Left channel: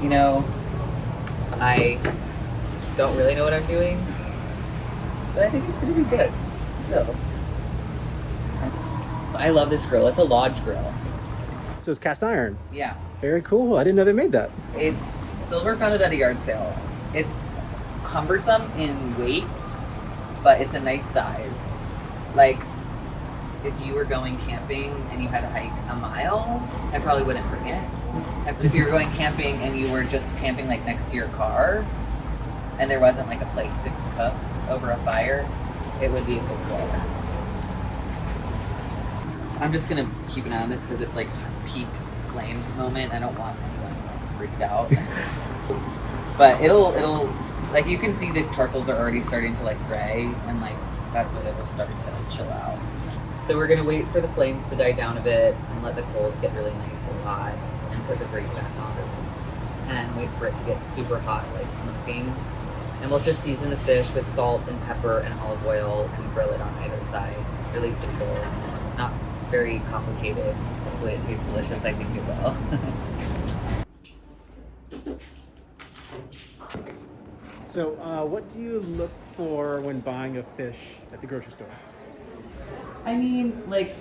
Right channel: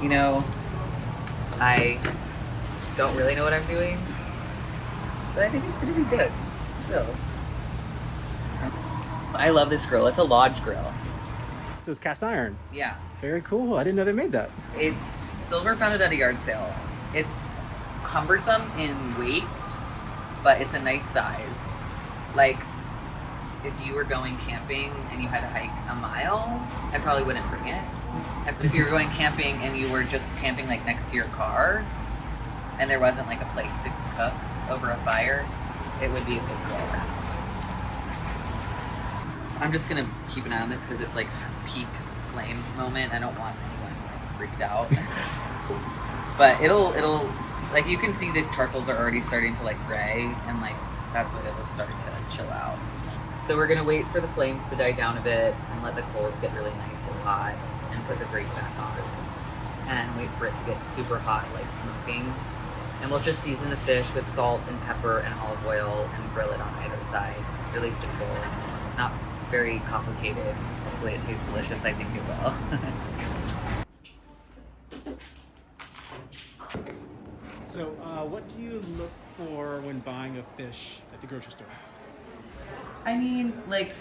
You know, I don't really know what I'm doing, but I think it's gonna be good still. I love this grill. It's a lodge grill. So it's cast iron. Yeah. Very cool. I didn't know they made that. It's silver founded at a yard sale. It's cumbersome in weight, but it's a nice size. Like, if you were going camping and you had to hike a mile, I probably wouldn't bring it. But if you were going camping and you were just camping like next to your car and there wasn't like a place to cook over a fire, it would be a good grill. I'm just gonna keep an eye on this because it's like peak flame moment. I don't want anyone like freaked out. But it'll like, you can see the charcoals are already starting to like gray, and like that's when it'll start to chill out. So we're gonna wait for the flames to die down a bit and let the coals get really nice and hot, and put the grate back on, and wait for it to get super hot, like smoking. And we'll just season the fish with salt and pepper and olive oil and grill it on either side. Really simple, not very complicated. Hopefully it tastes delicious. I think it will. So what do you look for when buying a fish at the grocery store? I mean, like,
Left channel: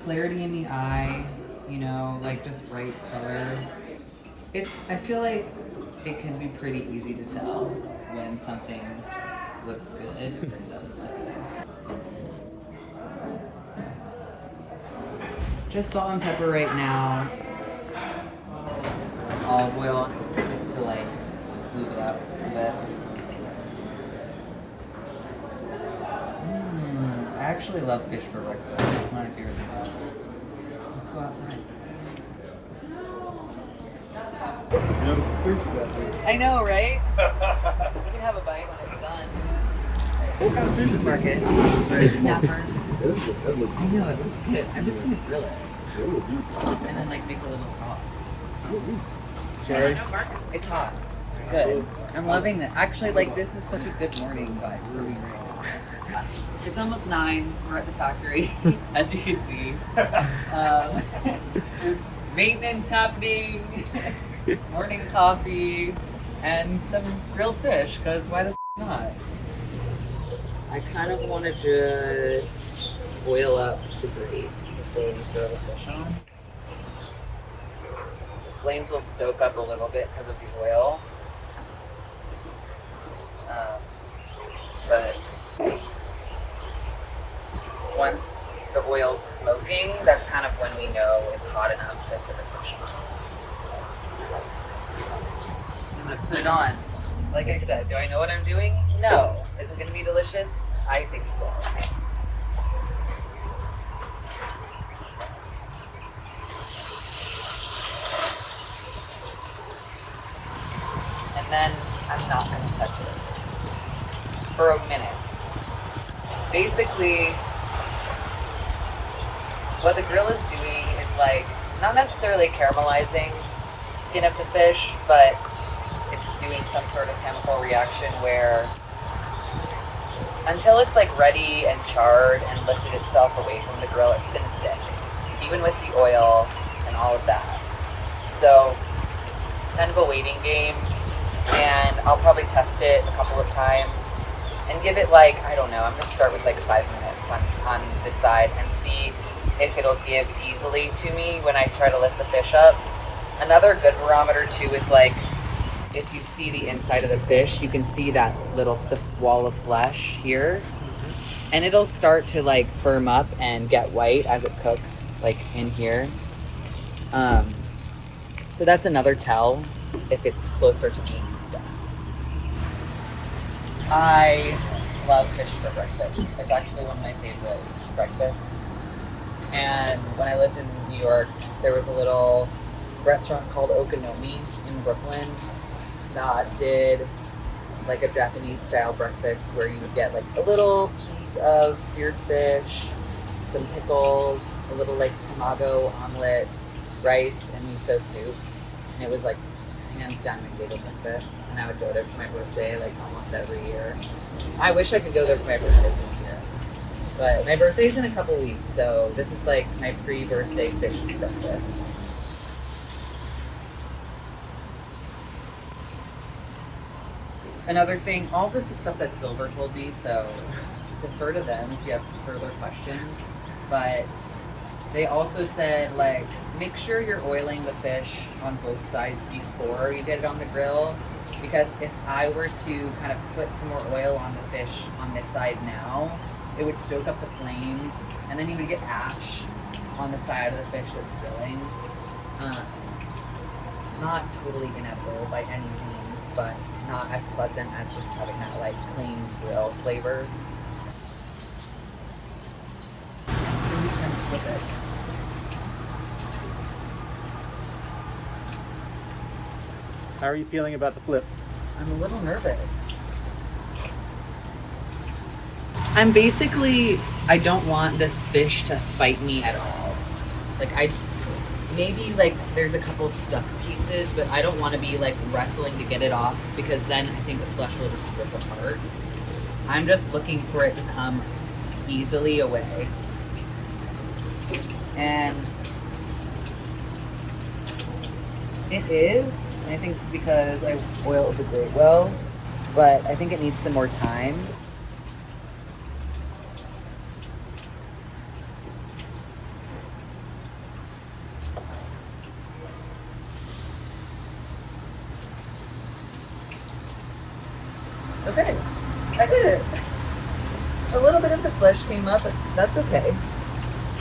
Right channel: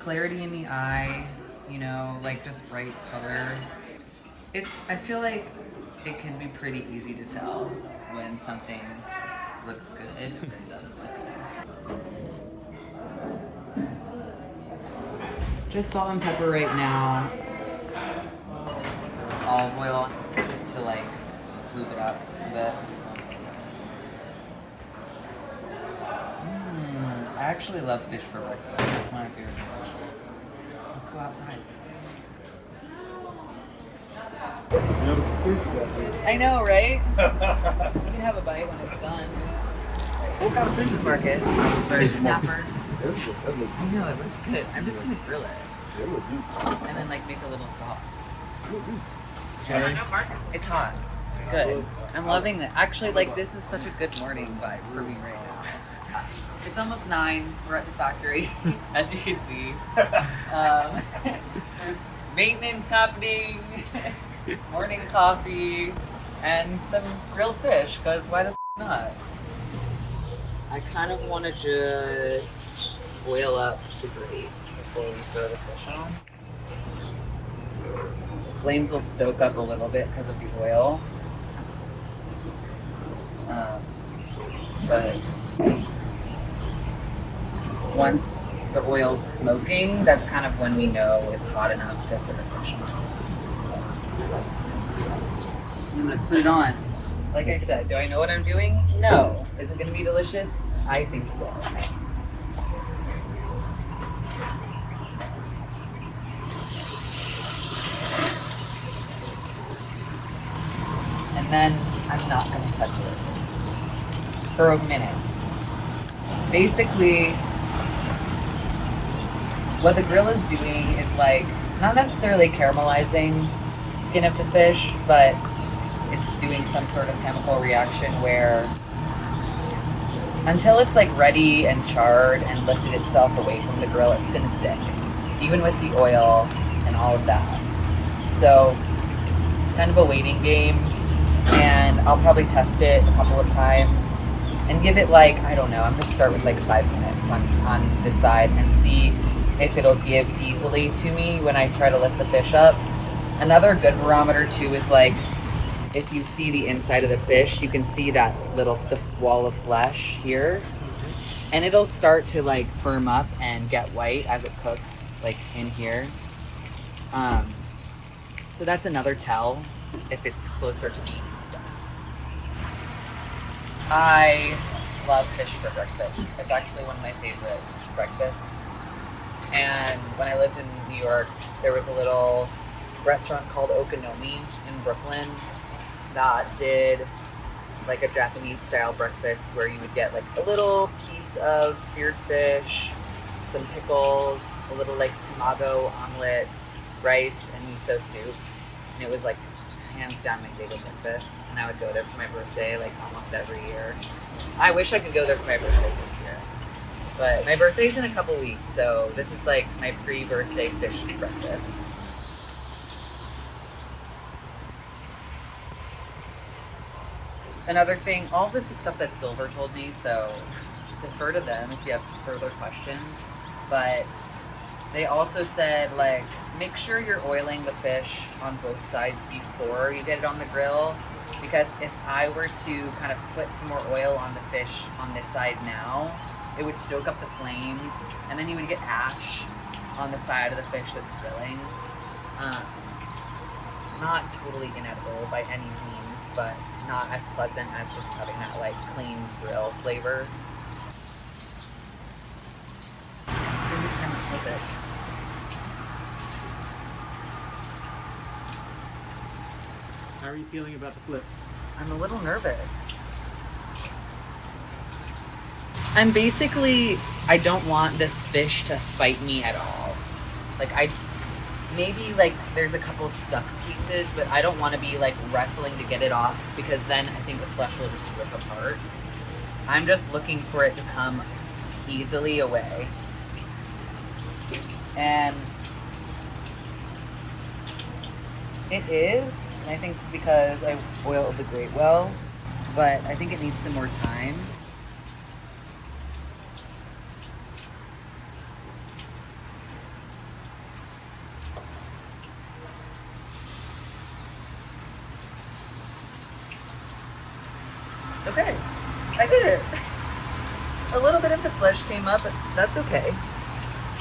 clarity in the eye, you know, like just bright color. I feel like it can be pretty easy to tell when something looks good and doesn't look good. Just salt and pepper right now. Olive oil, just to like move it up a bit. I actually love fish for breakfast. It's one of my favorite things. Let's go outside. I know, right? You can have a bite when it's done. This is Marcus. It's snapper. I know, it looks good. I'm just gonna grill it. And then like make a little sauce. Cherry? It's hot. It's good. I'm loving it. Actually, like, this is such a good morning vibe for me right now. It's almost 9. We're at the factory, as you can see. There's maintenance happening, morning coffee, and some grilled fish, because why the not? I kind of want to just boil up the grate before we throw the fish on. Flames will stoke up a little bit because of the oil. But once the oil's smoking, that's kind of when we know it's hot enough to put the fish on. I'm gonna put it on. Like I said, do I know what I'm doing? No. Is it gonna be delicious? I think so. And then I'm not gonna touch this for a minute. Basically, what the grill is doing is like, not necessarily caramelizing the skin of the fish, but it's doing some sort of chemical reaction where until it's like ready and charred and lifted itself away from the grill, it's gonna stick, even with the oil and all of that. So it's kind of a waiting game, and I'll probably test it a couple of times and give it like, I don't know, I'm gonna start with like 5 minutes on this side and see if it'll give easily to me when I try to lift the fish up. Another good barometer too is like, if you see the inside of the fish, you can see that little wall of flesh here, and it'll start to like firm up and get white as it cooks, like in here. So that's another tell if it's closer to being done. I love fish for breakfast. It's actually one of my favorite breakfasts. And when I lived in New York, there was a little restaurant called Okonomi in Brooklyn that did like a Japanese style breakfast where you would get like a little piece of seared fish, some pickles, a little like tamago omelet, rice, and miso soup. And it was like hands down my favorite breakfast. And I would go there for my birthday like almost every year. I wish I could go there for my birthday this year. But my birthday's in a couple weeks, so this is like my pre-birthday fish breakfast. another thing, all this is stuff that Silver told me, so defer to them if you have further questions. But they also said, like, make sure you're oiling the fish on both sides before you get it on the grill. Because if I were to kind of put some more oil on the fish on this side now, it would stoke up the flames, and then you would get ash on the side of the fish that's grilling. Not totally inedible by any means, but not as pleasant as just having that like clean grill flavor. Flip it. How are you feeling about the flip? I'm a little nervous. I'm basically, I don't want this fish to fight me at all. Like maybe like there's a couple stuck pieces, but I don't want to be like wrestling to get it off because then I think the flesh will just rip apart. I'm just looking for it to come easily away. And it is, I think because I oiled the grate well, but I think it needs some more time. Okay, I did it. A little bit of the flesh came up, but that's okay.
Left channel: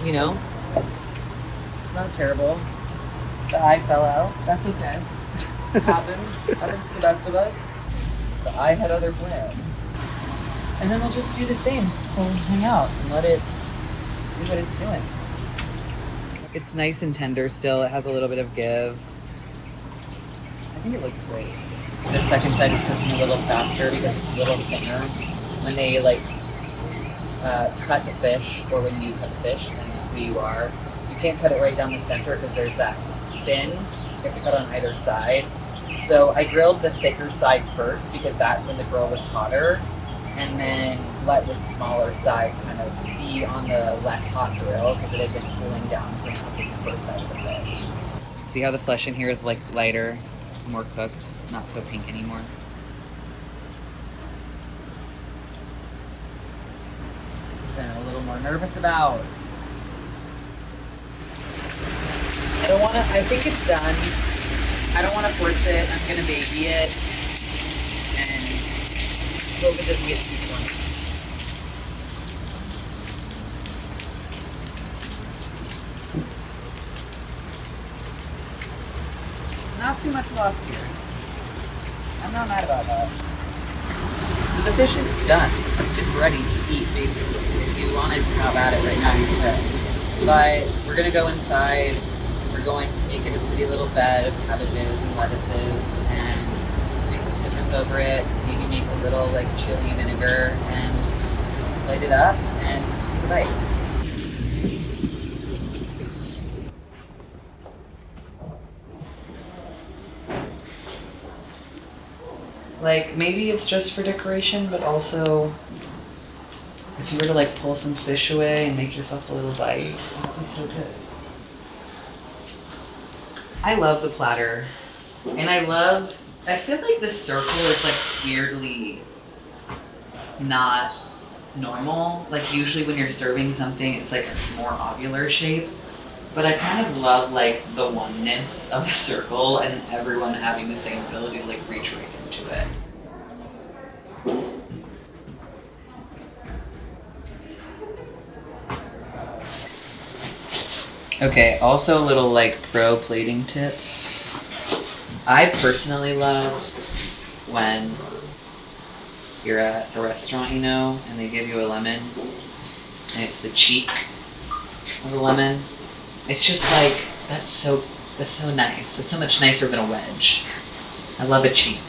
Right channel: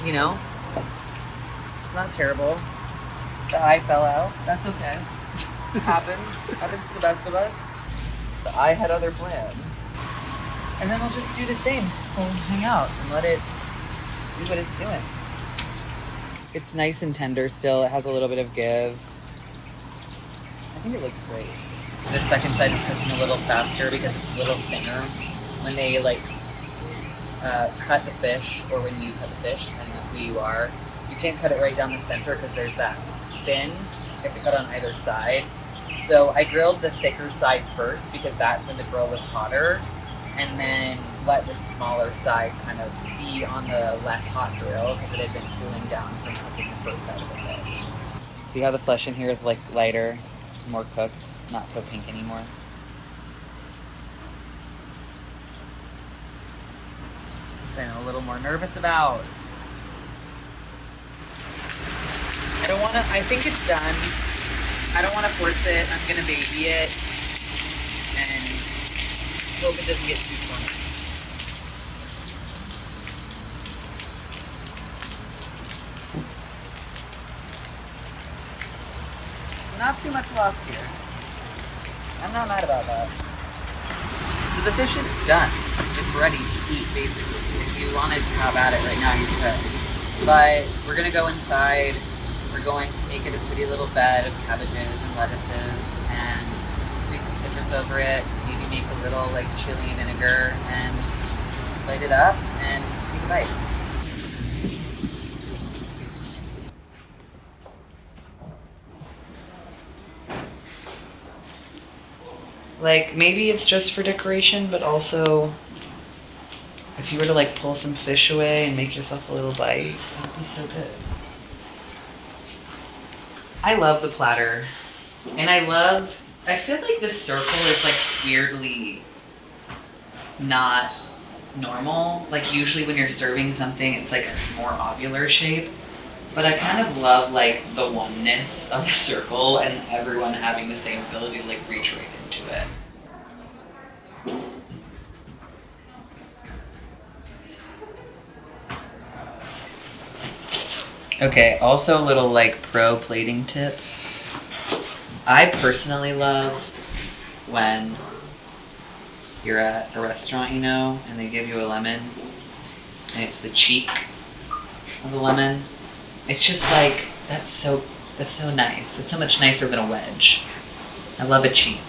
You know, not terrible. The eye fell out. That's okay. Happens to the best of us. The eye had other plans. And then we'll just do the same. We'll hang out and let it do what it's doing. It's nice and tender still. It has a little bit of give. I think it looks great. The second side is cooking a little faster because it's a little thinner. When they like cut the fish, or when you cut the fish, depending on who you are, you can't cut it right down the center because there's that fin. You have to cut on either side. So I grilled the thicker side first because that's when the grill was hotter, and then let the smaller side kind of be on the less hot grill because it had been cooling down from cooking the first side of the fish. See how the flesh in here is like lighter, more cooked, not so pink anymore. Something I'm a little more nervous about. I think it's done. I don't want to force it. I'm going to baby it and hope it doesn't get too funny. Not too much lost here. I'm not mad about that. So the fish is done. It's ready to eat, basically. If you wanted to have at it right now, you could. But we're going to go inside. We're going to make it a pretty little bed of cabbages and lettuces and squeeze some citrus over it. Maybe make a little like chili and vinegar and light it up and take a bite. Like, maybe it's just for decoration, but also if you were to like pull some fish away and make yourself a little bite, that'd be so good. I love the platter, and I feel like this circle is like weirdly not normal. Like usually when you're serving something, it's like a more ovular shape, but I kind of love like the oneness of the circle and everyone having the same ability to like reach right into it. Okay, also a little like pro plating tip. I personally love when you're at a restaurant, you know, and they give you a lemon and it's the cheek of the lemon. It's just like, that's so nice. It's so much nicer than a wedge. I love a cheek.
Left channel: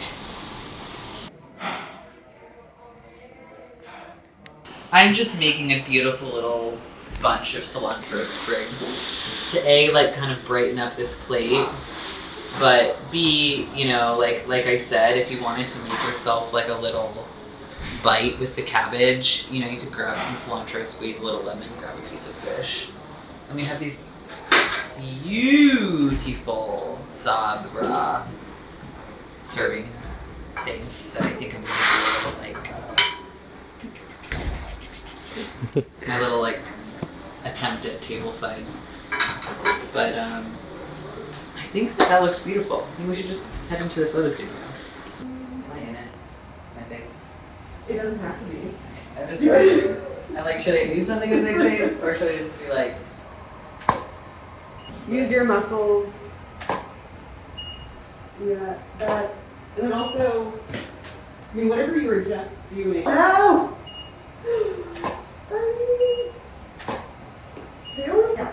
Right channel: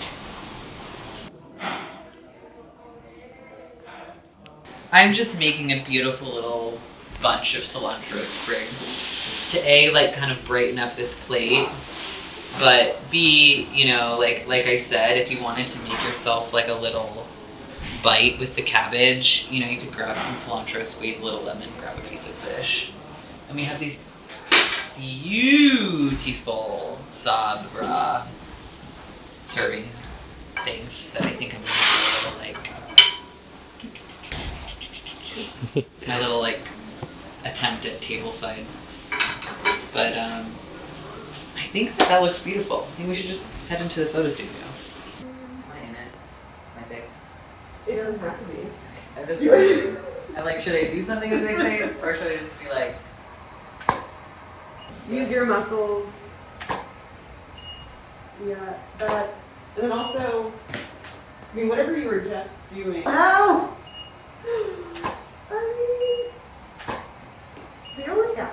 I'm just making a beautiful little bunch of cilantro sprigs to A, like kind of brighten up this plate, but B, you know, like I said, if you wanted to make yourself like a little bite with the cabbage, you know, you could grab some cilantro, squeeze a little lemon, grab a piece of fish. And we have these beautiful Sabra serving things that I think I'm gonna do a little like my little like attempt at tableside. But I think that looks beautiful. I think we should just head into the photo studio. My face. It doesn't have to be. I just and like, should I do something in my face, or should I just be like? Use your muscles. Yeah, that. And then also, I mean, whatever you were just doing. Ow! There we go.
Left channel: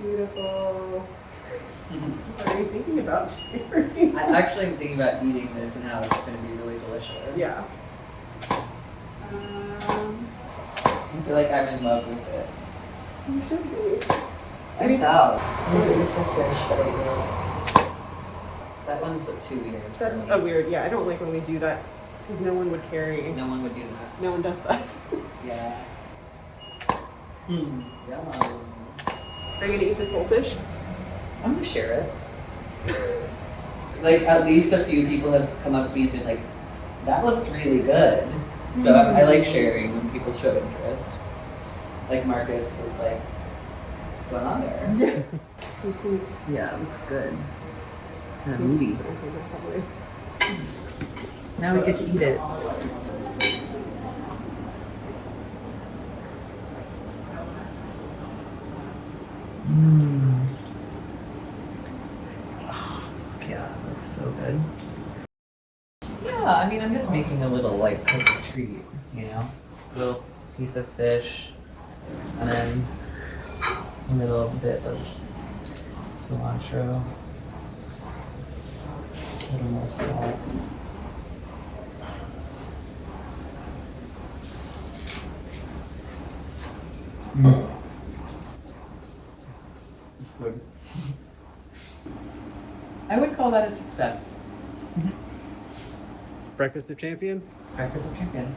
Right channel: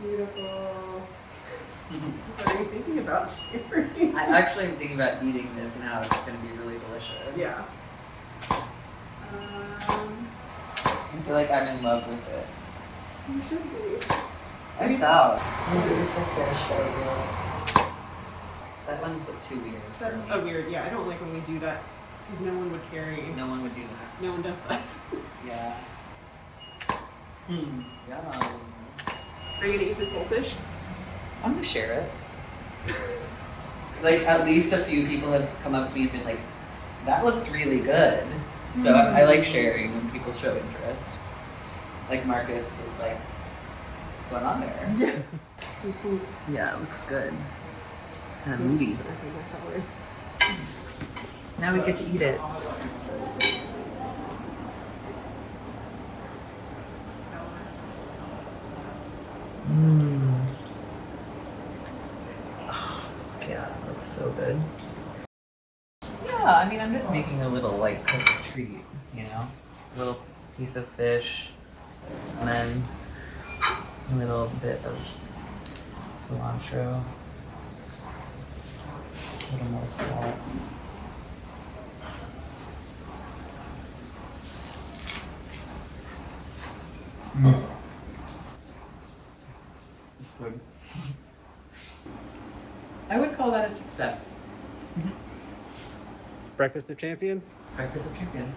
Beautiful. What are you thinking about, Jerry? I actually am thinking about eating this and how it's going to be really delicious. Yeah. I feel like I'm in love with it. You should be. I'm proud. That one's too weird. That's for me. a weird, yeah, I don't like when we do that because no one would carry. No one would do that. No one does that. Yeah. Hmm. Yum. Are you gonna eat this whole fish? I'm gonna share it. Like, at least a few people have come up to me and been like, that looks really good. So I like sharing when people show interest. Like Marcus was like, what's going on there? Yeah, it looks good. It's kind of moody. Now we get to eat it. Mmm. Oh, yeah, that looks so good. Yeah, I mean, I'm just making a little, like, cook's treat, you know? A little piece of fish, and then a little bit of cilantro, a little more salt. Mm. It's good. I would call that a success. Breakfast of Champions? Breakfast of Champion.